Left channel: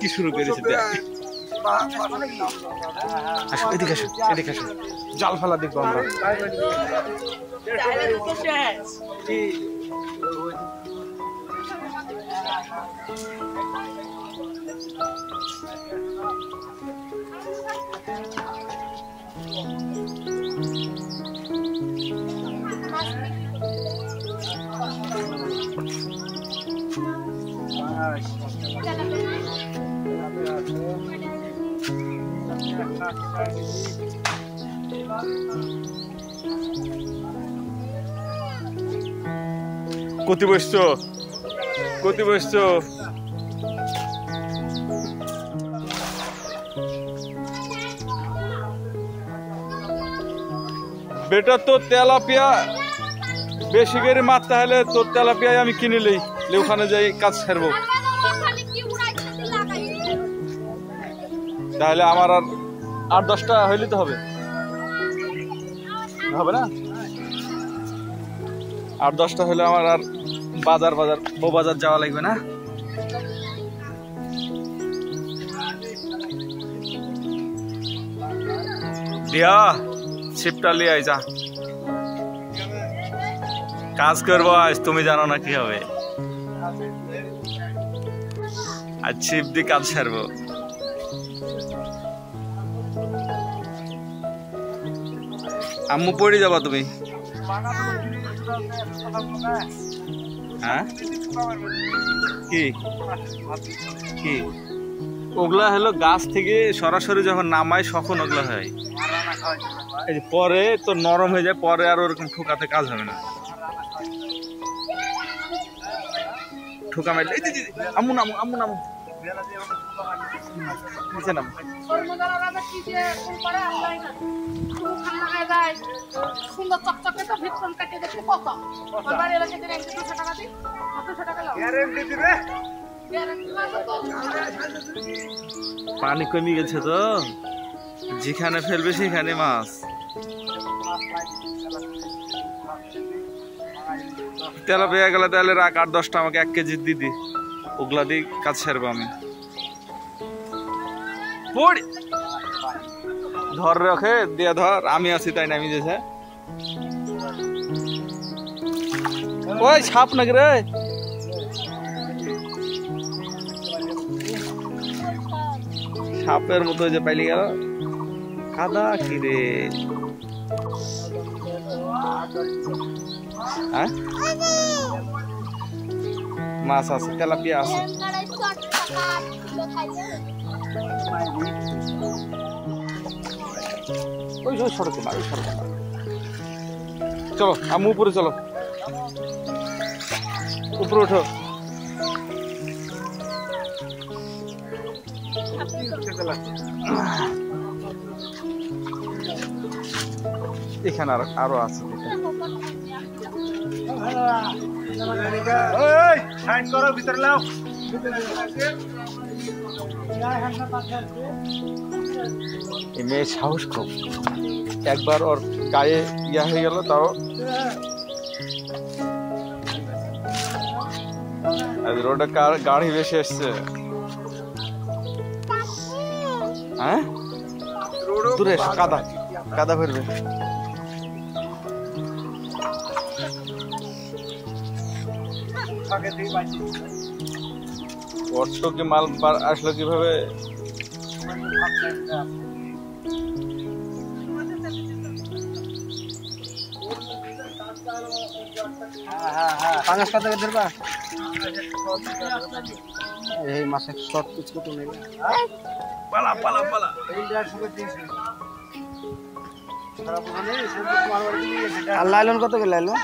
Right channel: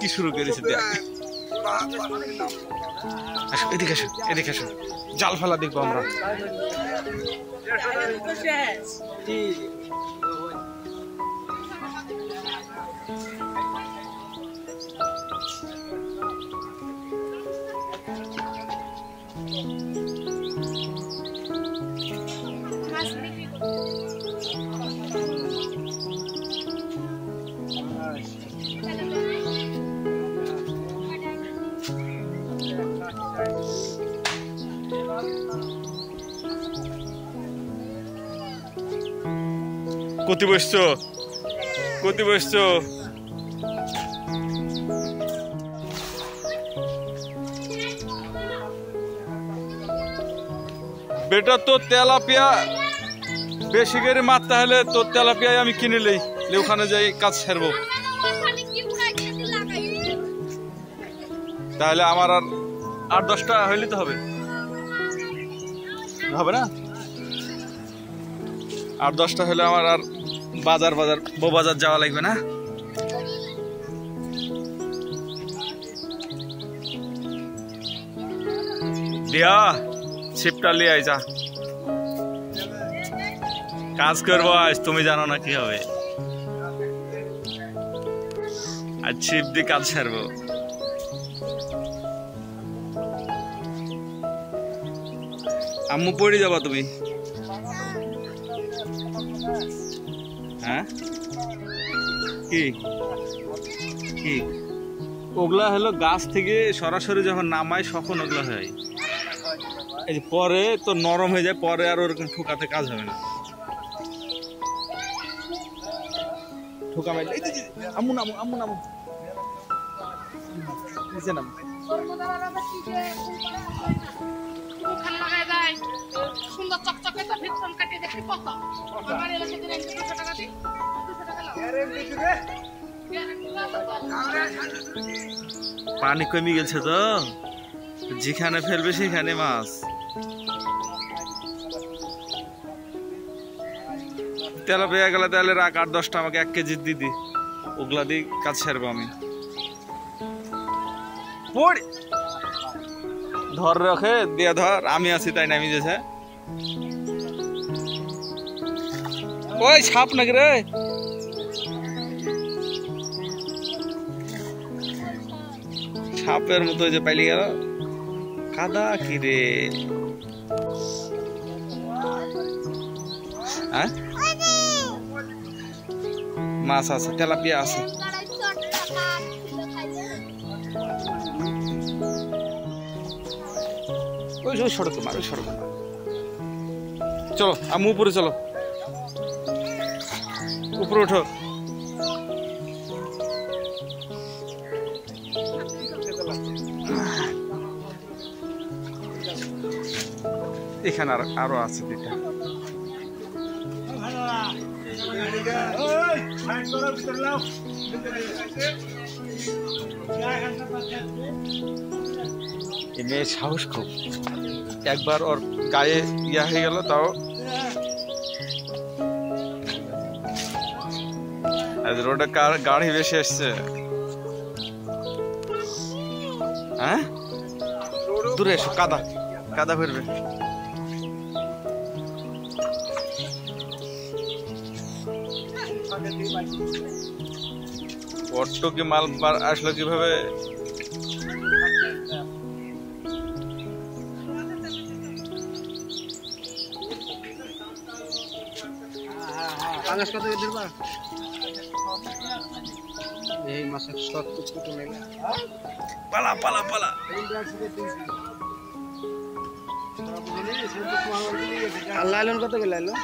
কি শুরু করেছে জাল ফেলা দেখবো আমরা। কতি বসছো বেটা? তোর তেলাপিয়া বেশি করে মারতে হলে তোর তেলাপিয়ায় আমি কিনে লই, ওখানে যাই কাজ ছাড়বো। তাহলে আমার আর 8-10টা হইলে তো হবে না? 8-10টা হলে আমার আর বউ বাজার যাওয়া লাগবে না। দিয়া ছিপটা লিয়ে আই যা, কাজ করবো আজ। তুমি জানো না কি হবে, আজ ছিপ দিয়ে কাজ ছাড়বো। আম্মু পড়ে যাবা তুমি? হ্যাঁ কি ওগুলা হলো গাছ থেকে সরাসরি যখন নামায় তখন ওগুলা হয়, পরে তো নরম হয়ে যায়, পরে আর ওরকম ঠুকাতে কাজ হবে না। ঠুকা মারলে আম্মু নামু নিচে নাম। সুন্দর চকচকে তো ভেতর কাটে দেখে কত আমার এলাকায় দিলে 200 টাকা দিই, 200 টাকা লাও। গ্যারান্টি দিবে, পানি কমে গেছে তো, যেখানে ফেলবে সেখানে মাছ। তেলা পেয়ে গেলে তাহলে রাখ 8-10টা আমাকে 1 কেজি দিদি, ওগুলা দিয়ে কাজ ছাড়বো আমি। ধর রাখে দিয়ে ধর, আমি আছি তাই নামি যেছে। ওই সাপ নাকি রে? সাপের মতো যে পাইলে গেল, কাদা কি রে? হ্যাঁ মাছ আছে, তেলাপিয়া আছে। চলো আম্মু উপরে চলো, উপরে ওঠো। এখানে আরো আছে। সাহস খুব, একবার ওর গায়ে ইয়া হয়ে গেল তাও। রোডে গাড়ি বেশি এসছে। হ্যাঁ দূরে এসো, কাদা ফেলবে। অটোকে মাল আসলো কিভাবে? কত ধরবা? এই মাসে শর্ট কুচকুট নেই। পালা আর লাইলন কত করে লাইলন?